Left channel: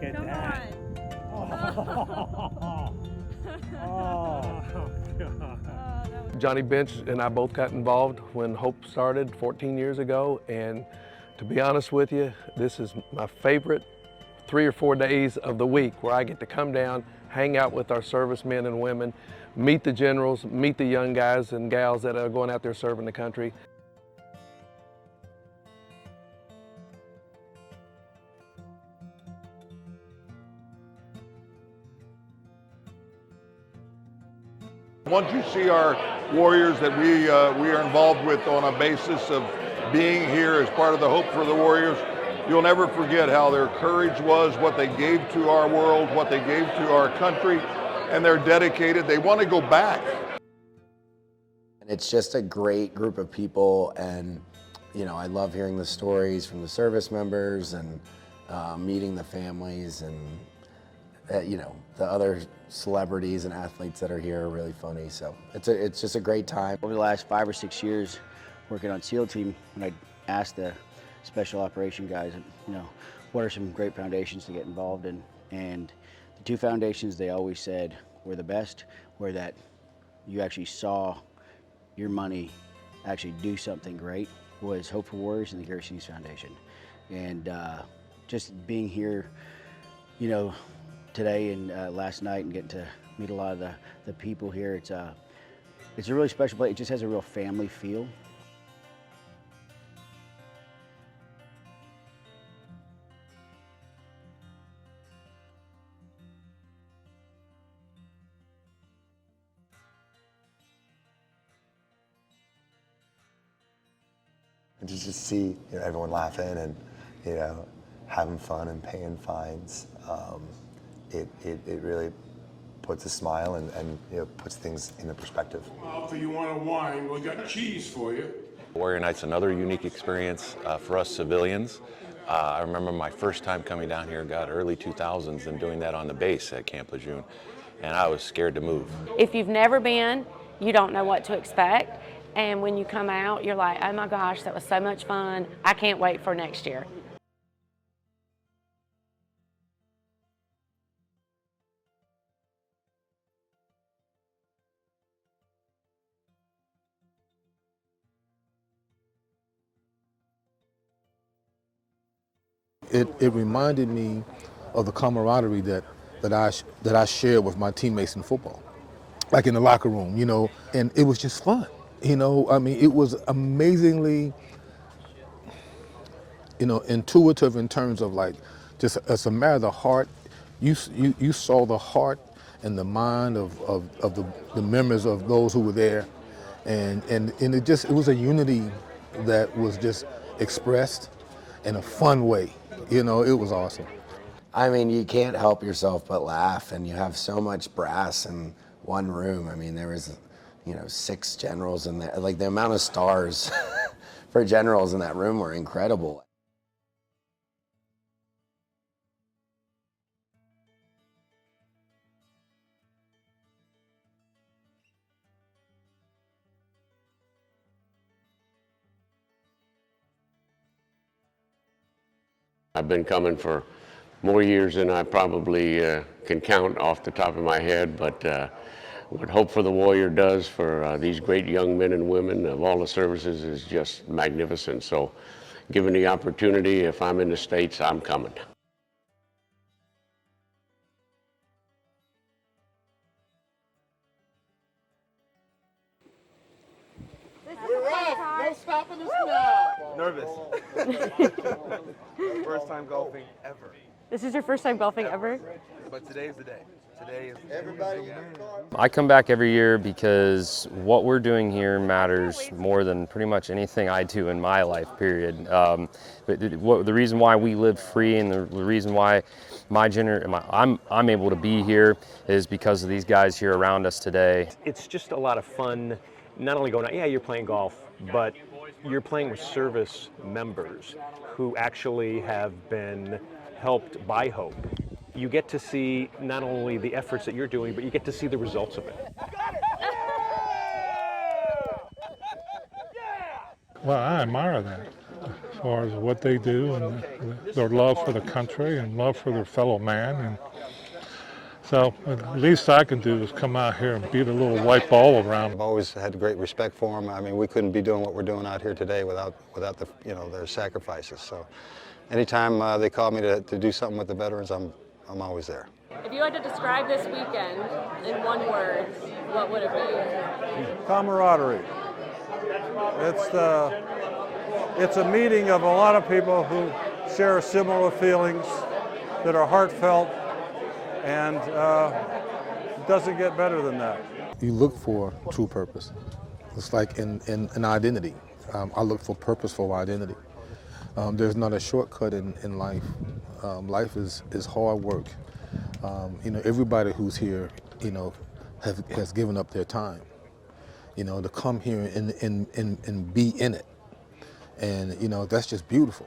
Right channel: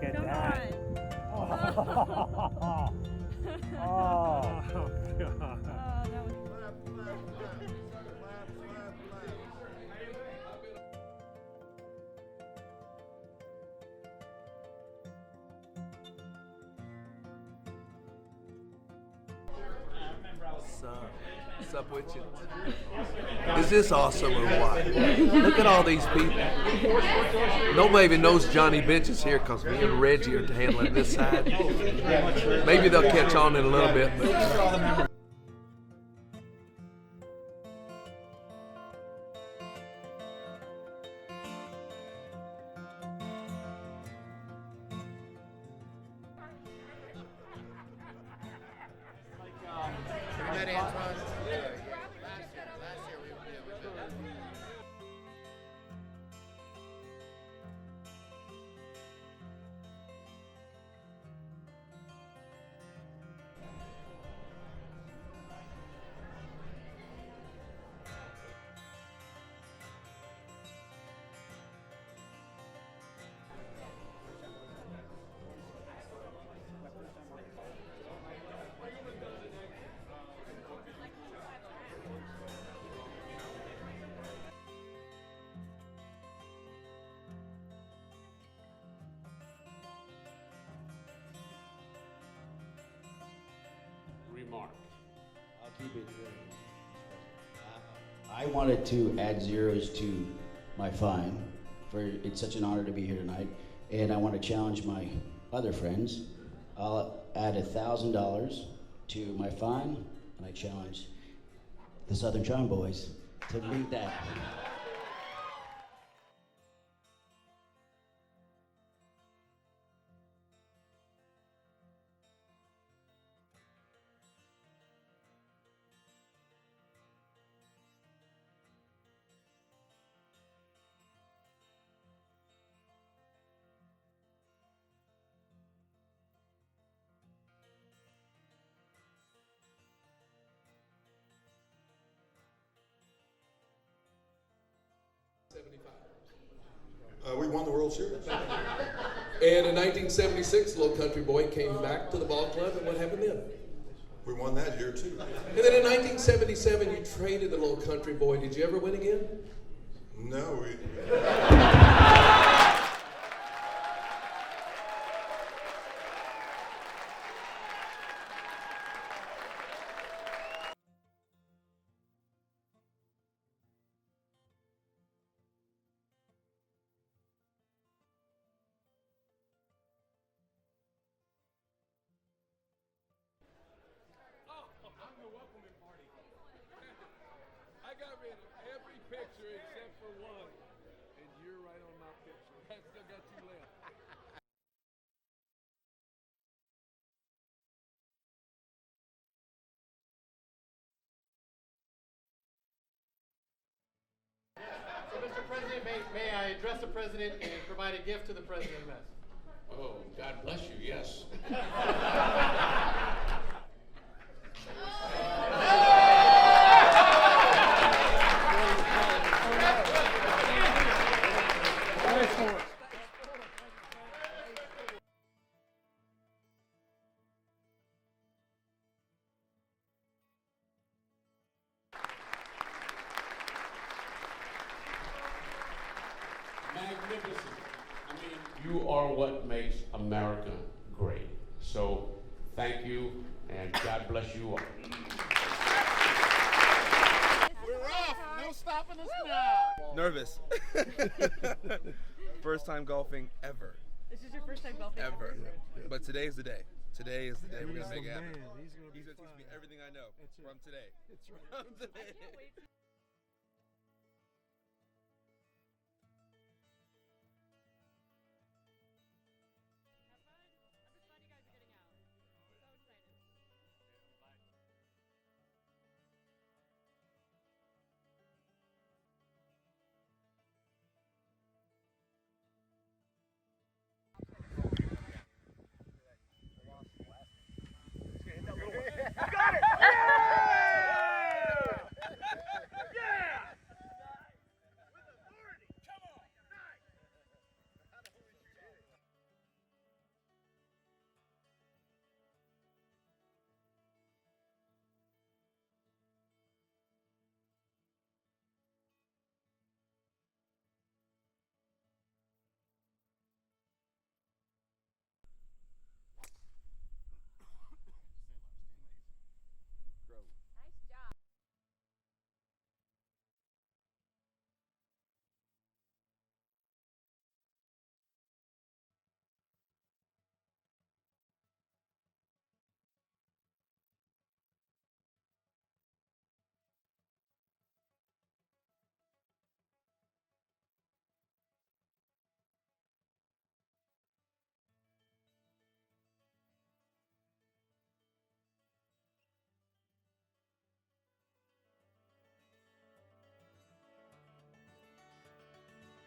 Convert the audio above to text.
Look at Come that. on. Oh, God. That was Johnny Bench and I both got involved when Hope started 14 years ago, and to be honest with you, this is my favorite 3 or 4 days of the week where I get to come down, hang out with our servicemen and women, meet the generals, meet the young guys and gals that are going out there serving the country. Is this awesome or what? Look at all these people. Nobody even knows Johnny Bench is here because me and Reggie are handling this side. Maybe they'll catch on in a little bit. Once you see our warriors that we are involved with on a basis of being here as part of the Hope for the Warriors, you'll never forget how their courage was, what they gave to our world, what they gave to our country, and they're dedicated. They want to go back. It's just a great group of people, and you know, I love hearing the stories from the service members and meeting the families, and you know, the other celebrities and athletes that are here are really funny. So it's just a great time. Over the last 5 or 6 years working on SEAL team, when I asked the special operation guys, you know, what are some great foundations to get involved in, and the 2 foundations they always said were the best were that you actually saw your money actually do something great was Hope for Warriors and the Gary Sinise Foundation. And just being here, you know, today and last night and getting to meet a lot of the people here, it's a really special place. It just has a real family feel. I wanted to add zeros to my fine, for it's such an honor to be here tonight, and I want to challenge my other friends. I'll add $1,000 to my fine, and I challenge the Southern Charm Boys to meet that. Just to see, you know, everyone laughing and, you know, having fun and paying fines, it really puts a smile and you know, puts things into perspective. Well, if you want a wine, we got cheese for you. Warrior Night's another unique experience for us civilians. I remember my first time coming down here, early 2000s, and doing that on the base at Camp Lejeune, and I was scared to move. If you've never been, you don't know what to expect, and when you come out, you're like, oh my gosh, that was so much fun. I can't wait for next year. We won the World Series. And in 1976, Little Country Boy came back to the ball club, and what happened then? We won that year too. And then in 1977, you traded the Little Country Boy. Did you ever win again? No, It reminded me of the camaraderie that I shared with my teammates in football, like in the locker room, you know, and it was just fun. You know, I mean, it was amazingly, you know, intuitive in terms of like, just as a matter of the heart, you saw the heart and the mind of the members of those who were there, and it was a unity that was just expressed in a fun way. You know, it was awesome. I mean, you can't help yourself but laugh, and you have so much brass in one room. I mean, there was, you know, 6 generals in there. Like, the amount of stars for generals in that room were incredible. May I address the president and provide a gift to the president of Mess? Oh, God bless you, yes. I've been coming for more years than I probably can count off the top of my head, but what Hope for the Warrior does for these great young men and women of all the services is just magnificent. So given the opportunity, if I'm in the States, I'm coming. You are what makes America great. So thank you, and God bless you all. We're off! No stopping us now! Nervous. First time golfing ever. This is your first time golfing ever? But today's the day. Today is everybody. I come back every year because what we're doing here matters more than pretty much anything I do in my life, period. But the reason why we live free and the reason why I'm able to be here is because of these guys here around us today. It's just a lot of fun, not only going out, yeah, you're playing golf, but you're playing with service members who actually have been helped by Hope. You get to see not only the efforts that you're doing, but you get to see the results of it. Well, I admire that. far as what they do and their love for the country and love for their fellow man. And so the least I can do is come out here and beat a little white ball around. I've always had great respect for them. I mean, we couldn't be doing what we're doing out here today without the, their sacrifices. So anytime they call me to do something with the veterans, I'm always there. If you had to describe this weekend in one word, what would it be? Camaraderie. It's a meeting of a lot of people who share similar feelings that are heartfelt, and it doesn't get better than that. You look for true purpose. It's like in an identity. I look for purposeful identity. There's not a shortcut in life. Life is hard work. Everybody who's here, has given up their time, to come here and be in it. And, that's just beautiful.